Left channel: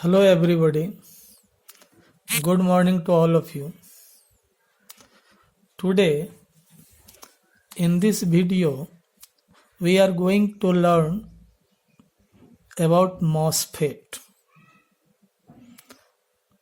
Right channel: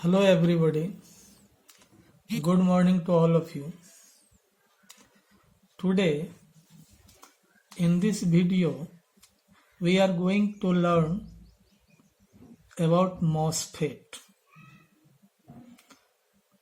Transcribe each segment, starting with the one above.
Hello, everybody. Good morning to all of you. Today, in this video, we are going to learn about MOSFET.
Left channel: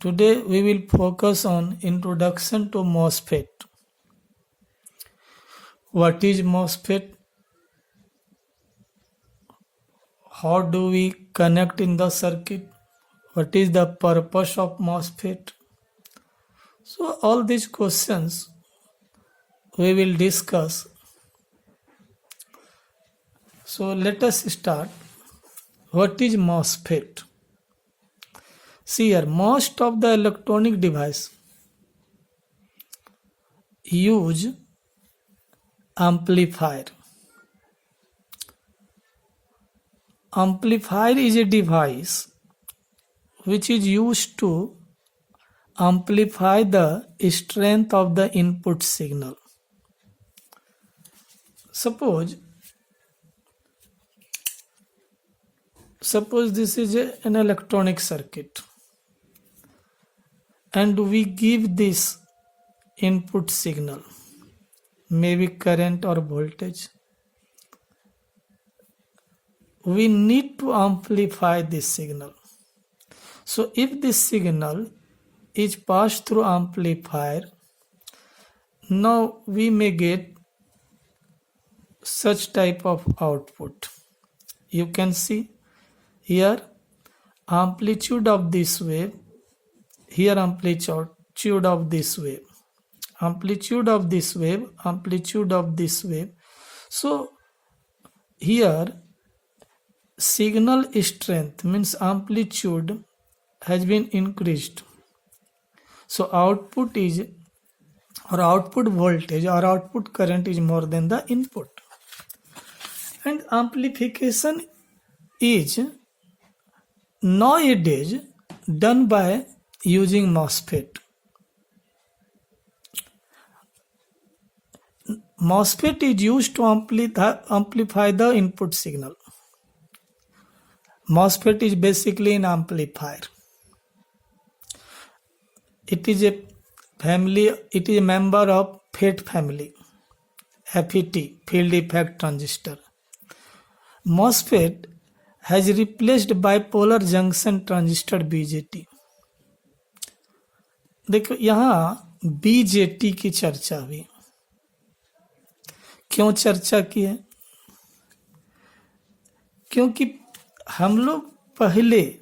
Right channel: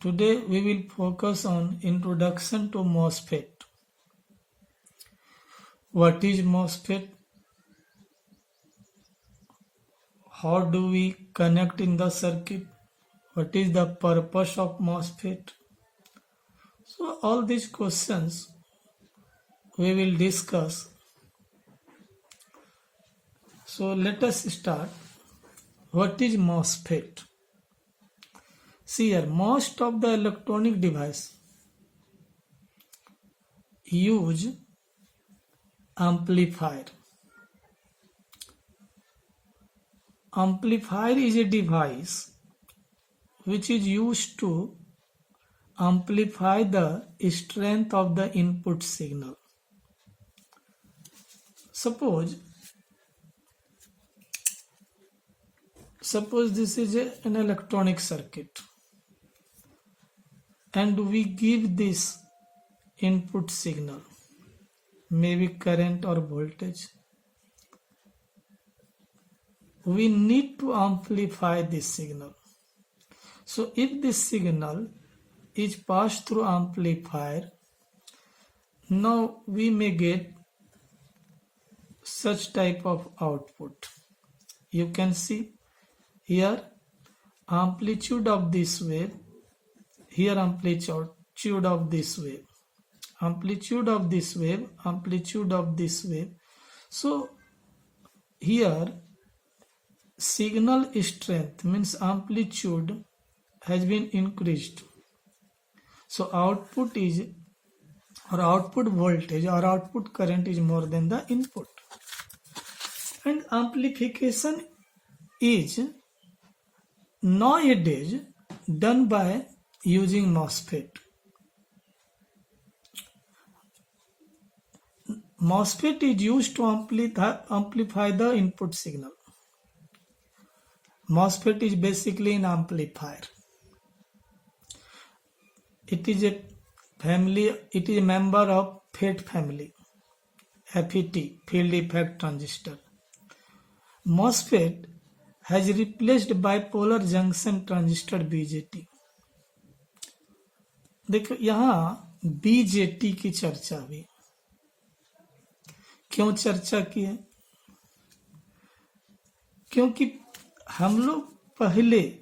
Today, we will focus on introduction to MOSFET. What is MOSFET? How do we connect in the circuit? What is the purpose of MOSFET? So, all these questions we will discuss. So, let us start. What is MOSFET? See here, most of the electronic device use amplifier. Amplifier is a device which is used to amplify the strength of the input signal. Suppose this is an electronic circuit and we give this input signal, maybe current or voltage. We need to amplify this signal. So if this signal is passed through amplifier, now we may get such type of output. You can see here amplitude of this wave, here amplitude of this wave, amplitude of this wave, amplitude of this wave. So here signal strength means amplitude has been increased. So output is or output voltage or output current is more than the input. And amplification is nowadays done by using MOSFET. MOSFET is used to amplify the input signal. MOSFET is basically an amplifier. It is a family, it is a member of FET family, FET, field effect transistor. MOSFET has replaced bipolar junction transistor BJT. देखो यहाँ BJT की चर्चा हुई. क्यों चर्चा की है? क्योंकि हम लोग पहले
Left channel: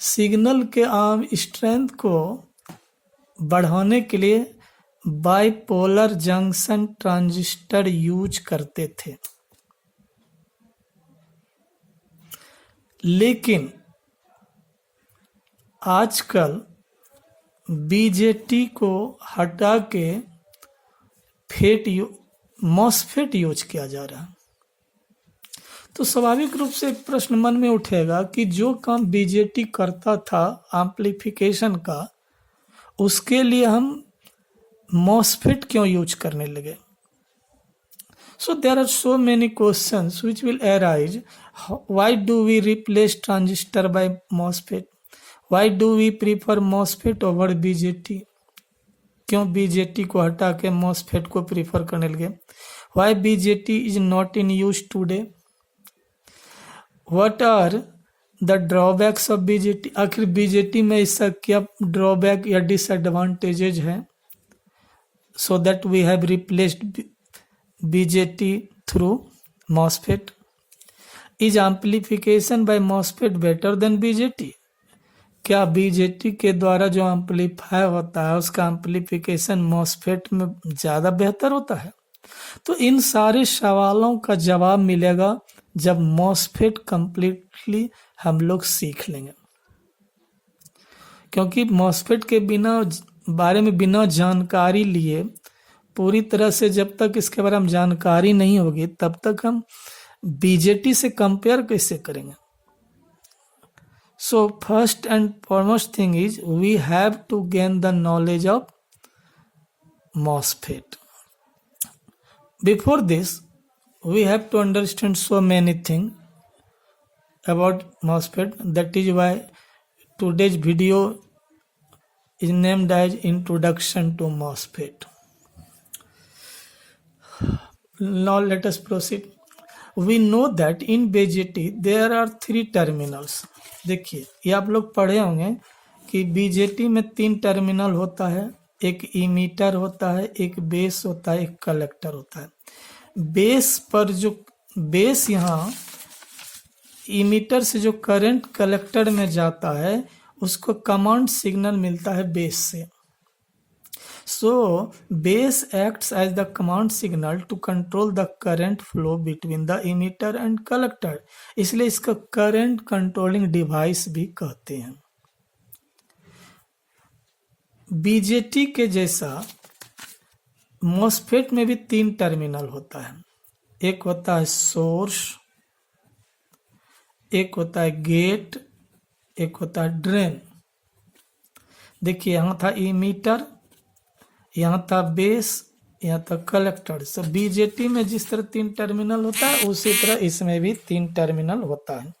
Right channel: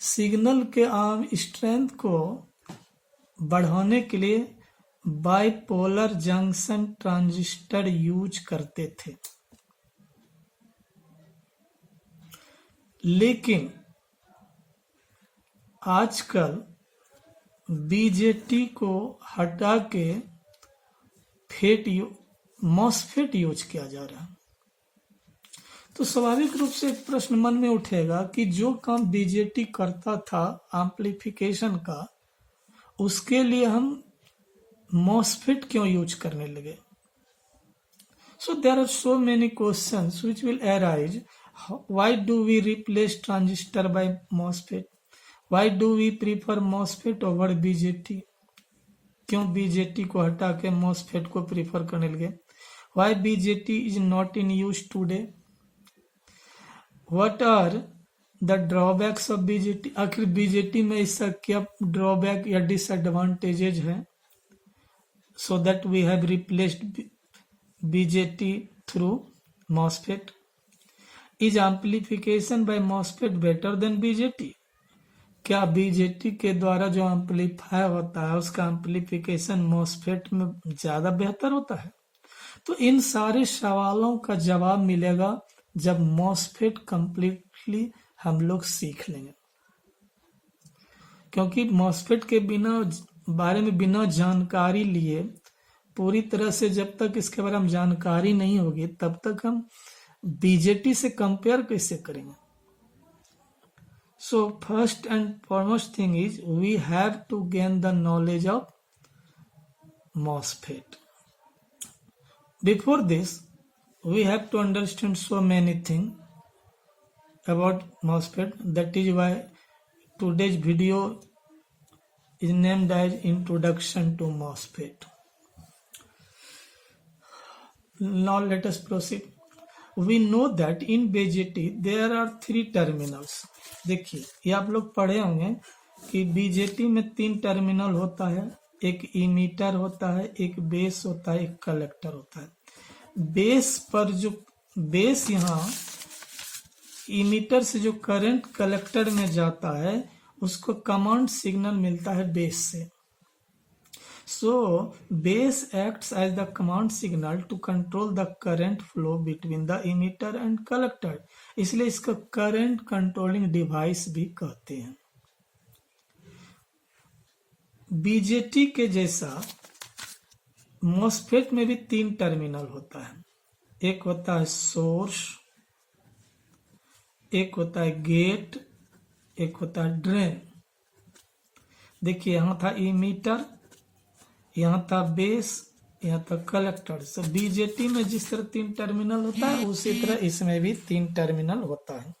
सिग्नल के स्ट्रेंथ को बढ़ाने के लिए बाइपोलर जंक्शन ट्रांजिस्टर यूज करते थे, लेकिन आजकल बीजेटी को हटा के मॉसफेट यूज किया जा रहा है. तो स्वाभाविक रूप से एक प्रश्न मन में उठेगा कि जो काम बीजेटी करता था एम्प्लीफिकेशन का, उसके लिए हम मॉसफेट क्यों यूज करने लगे? So there are so many questions which will arise. Why do we replace transistor by MOSFET? Why do we prefer MOSFET over BJT? क्यों BJT को हटा के MOSFET को प्रीफर करने लगे? Why BJT is not in use today? What are the drawbacks of BJT? आखिर BJT में इसका क्या ड्रॉबैक या डिसएडवांटेजेज है? So that we have replaced BJT through MOSFET. Is amplification by MOSFET better than BJT? क्या BJT के द्वारा जो एम्पलीफाई होता है उसका एम्पलीफिकेशन MOSFET में ज़्यादा बेहतर होता है? तो इन सारे सवालों का जवाब मिलेगा जब MOSFET कंप्लीटली हम लोग सीख लेंगे. क्योंकि MOSFET के बारे में बिना जानकारी लिए पूरी तरह से जब तक इसके बारे में जानकारी नहीं होगी तब तक हम बीजेटी से कंपेयर कैसे करेंगे? So first and foremost thing is we have to gain the knowledge of MOSFET. Before this, we have to understand so many things. about MOSFET. That is why today's video is named as Introduction to MOSFET. Now let us proceed. We know that in BJT there are 3 terminals. देखिए ये आप लोग पढ़े होंगे कि BJT में 3 terminal होता है, एक इमीटर होता है, एक बेस होता है, एक कलेक्टर होता है। बेस पर जो बेस यहाँ इमीटर से जो करंट कलेक्टर में जाता है उसको कमांड सिग्नल मिलता है बेस से। So base acts as the command signal to control the current flow between the emitter and collector, इसलिए इसका करंट कंट्रोलिंग डिवाइस भी कहते हैं। बीजेटी के जैसा मॉसफेट में भी 3 टर्मिनल होता है, एक होता है सोर्स, एक होता है गेट, एक होता है ड्रेन। देखिए यहाँ था इमीटर, यहाँ था बेस, यहाँ था कलेक्टर। सो बीजेटी में जिस तरह 3 टर्मिनल होता है उसी तरह इसमें भी 3 टर्मिनल होता है।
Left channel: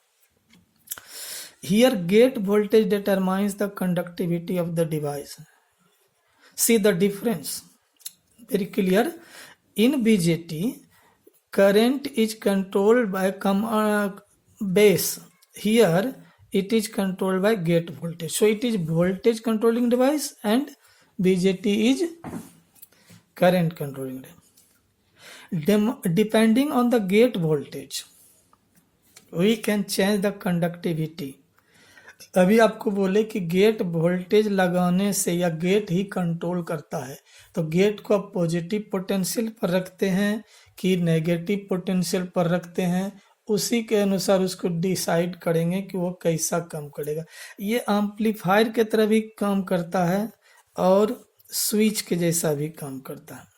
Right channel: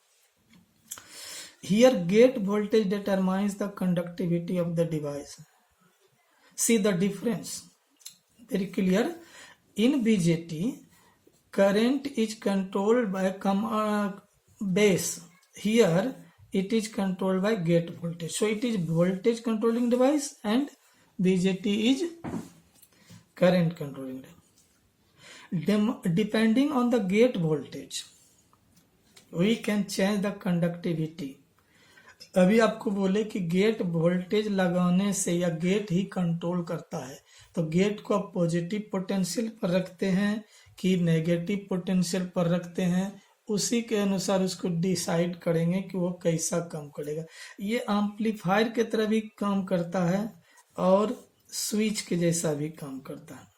Here gate voltage determines the conductivity of the device. See the difference. Very clear. In BJT, current is controlled by base. Here it is controlled by gate voltage. So it is voltage controlling device and BJT is current controlling device. Depending on the gate voltage, we can change the conductivity. अभी आपको बोले कि gate voltage लगाने से या gate ही control करता है, तो गेट को आप पॉजिटिव पोटेंशियल पर रखते हैं कि नेगेटिव पोटेंशियल पर रखते हैं, उसी के अनुसार उसको डिसाइड करेंगे कि वो कैसा काम करेगा। ये एम्पलीफायर के तरह भी काम करता है और स्विच के जैसा भी काम करता है।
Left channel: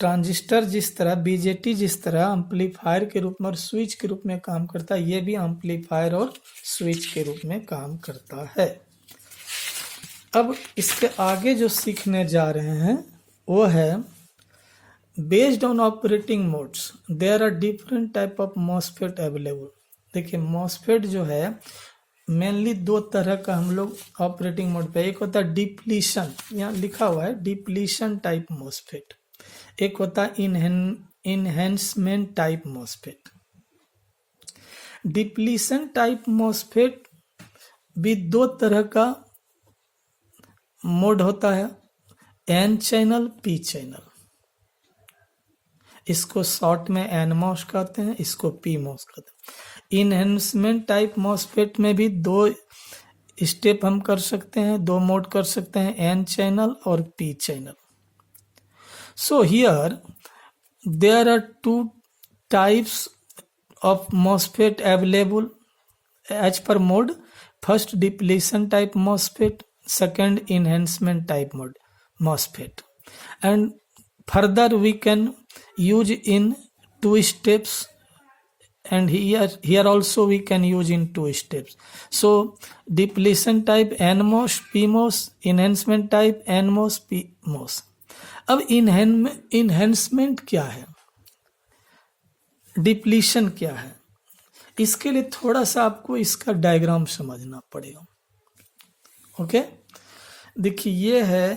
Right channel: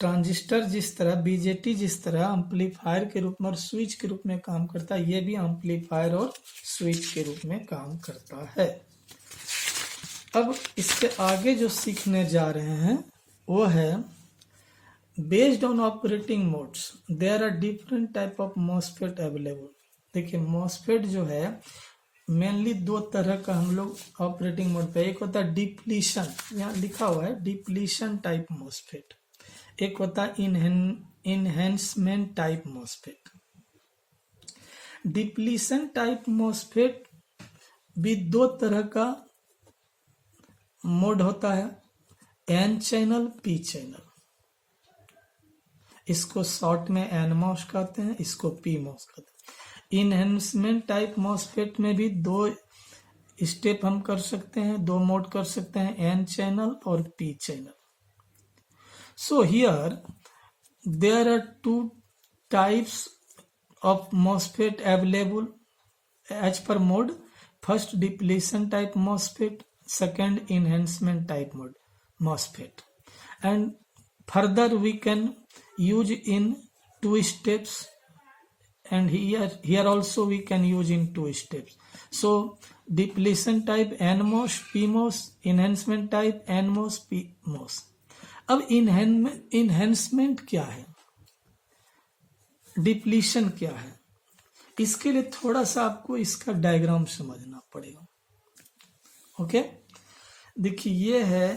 ट्रांजिस्टर जिस तरह, बीजेटी जिस तरह एम्पलीफायर के रूप में और स्विच के रूप में काम करता है, ये भी एम्पलीफायर और स्विच के रूप में काम करता है। अब इसके आगे जो सीखने जा रहे हैं वो है based on operating modes there are different type of MOSFET available. देखिए मॉसफेट जो है मेनली 2 तरह का हम लोग ऑपरेटिंग मोड पे, एक होता है डिप्लीशन, यहाँ लिखा हुआ है डिप्लीशन टाइप मॉसफेट, एक होता है enhancement type MOSFET. Depletion type MOSFET भी 2 तरह का मोड होता है, एन चैनल, पी चैनल। इसको शॉर्ट में एन मॉस कहते हैं, इसको पी मॉस कहते हैं। इनहेंसमेंट टाइप मॉसफेट में भी 2 स्टेप हम कर सकते हैं, 2 मोड कर सकते हैं, एन चैनल और P channel. So here there are 2 types of MOSFET available as per mode. First depletion type MOSFET, second enhancement type mode MOSFET, and further we can use in 2 steps, and here also we can use in 2 steps. So depletion type NMOS, PMOS, enhancement type NMOS, PMOS. अब enhancement क्या है, depletion क्या है, इसके लिए थोड़ा सा आपको इसका डायग्राम समझना पड़ेगा। ओके, देखिए ये है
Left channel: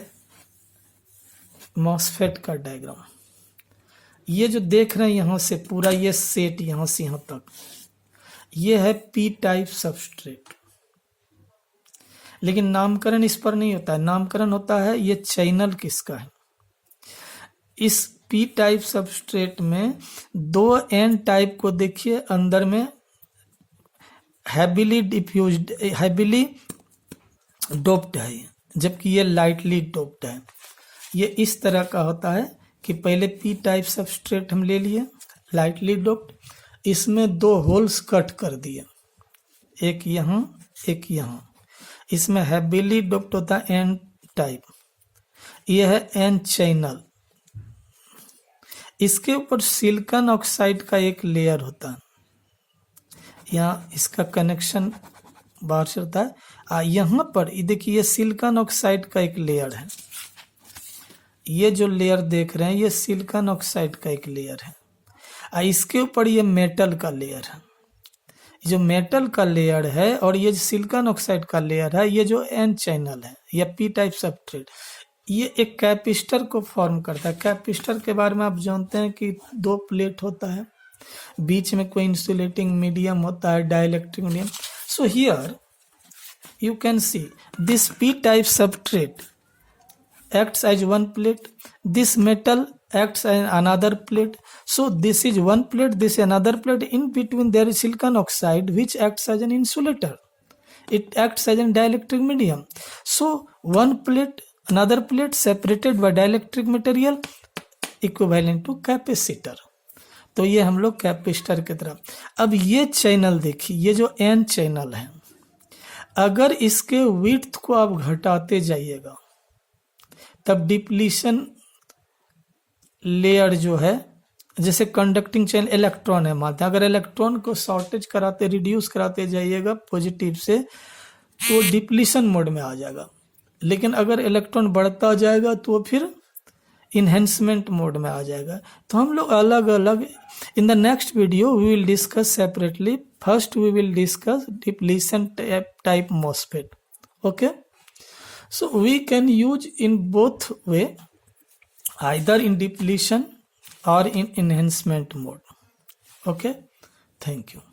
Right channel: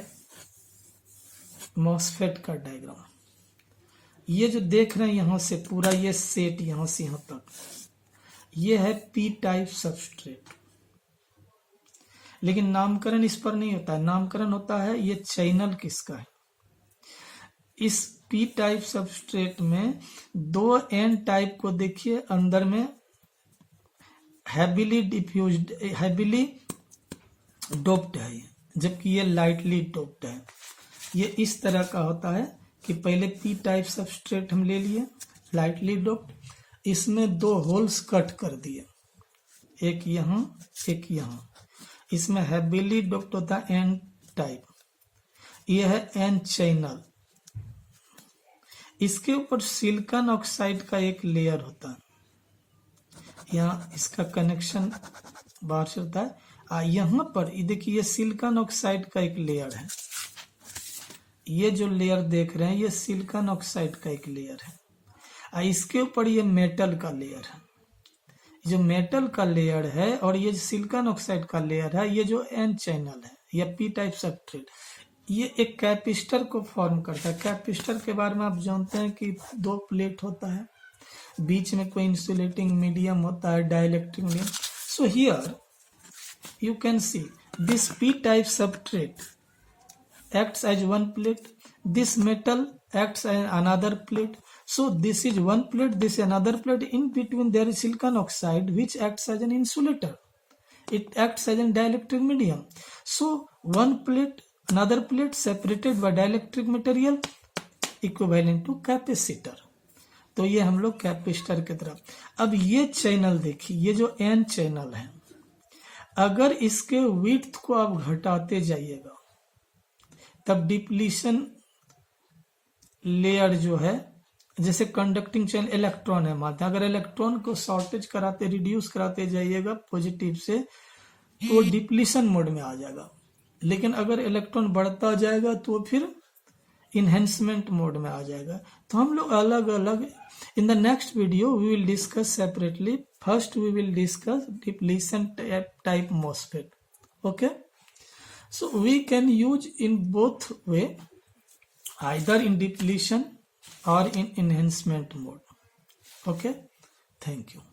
मॉसफेट का डायग्राम। ये जो देख रहे हैं यहाँ से पूरा ये सेट यहाँ से यहाँ तक, ये है पी टाइप सबस्ट्रेट। लेकिन नामकरण इस पर नहीं होता है, नामकरण होता है ये चैनल किसका है। इस पी टाइप सबस्ट्रेट में 2 एन टाइप को देखिए अंदर में हैविली डिफ्यूज्ड, हैविली डोप्ड है, जबकि ये लाइटली डोप्ड है। ये इस तरह का होता है कि पहले पी टाइप सबस्ट्रेट हम ले लिए लाइटली डोप्ड, इसमें 2 होल्स कट कर दिए, एक यहाँ एक यहाँ। इसमें हैविली डोप्ड होता है एन टाइप, ये है एन चैनल। इसके ऊपर सिलिकॉन ऑक्साइड का एक लेयर होता है, यहाँ इसका कनेक्शन बाहर से होता है। यहाँ पर देखिए ये सिलिकॉन ऑक्साइड का एक लेयर है, ये जो लेयर देख रहे हैं ये सिलिकॉन ऑक्साइड का एक लेयर है। इसके ऊपर ये मेटल का लेयर है, जो मेटल का लेयर है और ये जो सिलिकॉन ऑक्साइड का लेयर है, ये जो एन चैनल है या पी टाइप सबस्ट्रेट, ये एक कैपिस्टर को फॉर्म करता है। कैपिस्टर के बारे में आप जानते हैं कि 2 प्लेट होता है, बीच में कोई इंसुलेटिंग मीडियम होता है, dielectric medium. So here you can see this p-type substrate acts as one plate, this metal acts as another plate. So this is one plate, this is another plate. In between there is silicon oxide which acts as an insulator, it acts as a dielectric medium. So one plate, another plate separated by dielectric material equivalent to capacitor. तो ये हम लोग capacitor की तरफ। अब ये channel देखिए, ये जो एन चैनल है, अगर इसके विड्थ को आप घटाते जाइएगा तब डिप्लीशन लेयर जो है, जैसे कंडक्टिंग चैनल इलेक्ट्रॉन है मानते हैं, अगर इलेक्ट्रॉन को शॉर्टेज कराते रिड्यूस कराते जाइएगा पॉजिटिव से तो डिप्लीशन मोड में आ जाएगा। लेकिन अगर इलेक्ट्रॉन बढ़ता जाएगा तो फिर इन्हेंसमेंट मोड में आ जाएगा। तो हम लोग अलग अलग, in the next video we will discuss separately. First we will discuss depletion type MOSFET. Okay, so we can use in both way, either in depletion or in enhancement mode. Okay, thank you.